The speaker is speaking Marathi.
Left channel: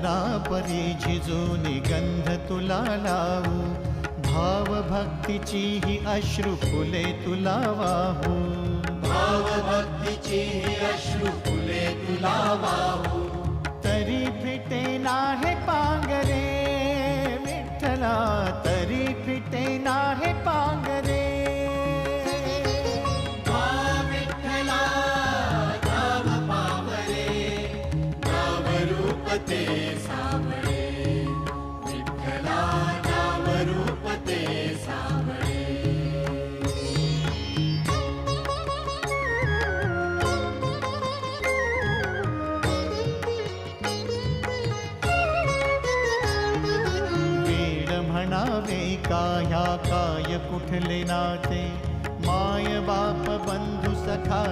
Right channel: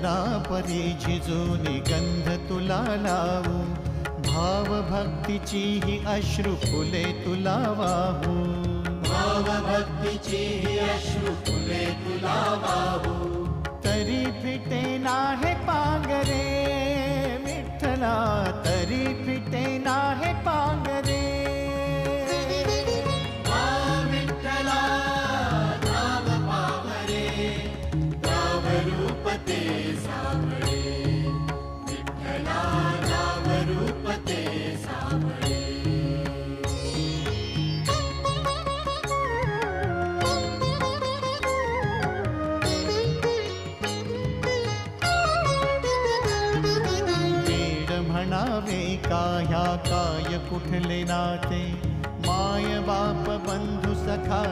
रंजना परी झिजूनी गंध तुला लावू, भाव भक्तीची ही अश्रु फुले तुला वाहू, भाव भक्तीची ही अश्रु फुले तुला वाहू. तरी फिटे नाहे पांगरे विठ्ठला, तरी फिटे नाहे पांगरे. विठ्ठला नाम पावरे, नाम रूप ते सावळे. विठ्ठला नाम रूप ते सावळे. म्हणावे का ह्या काय कुठले नाते, माय बाप बंधू सखा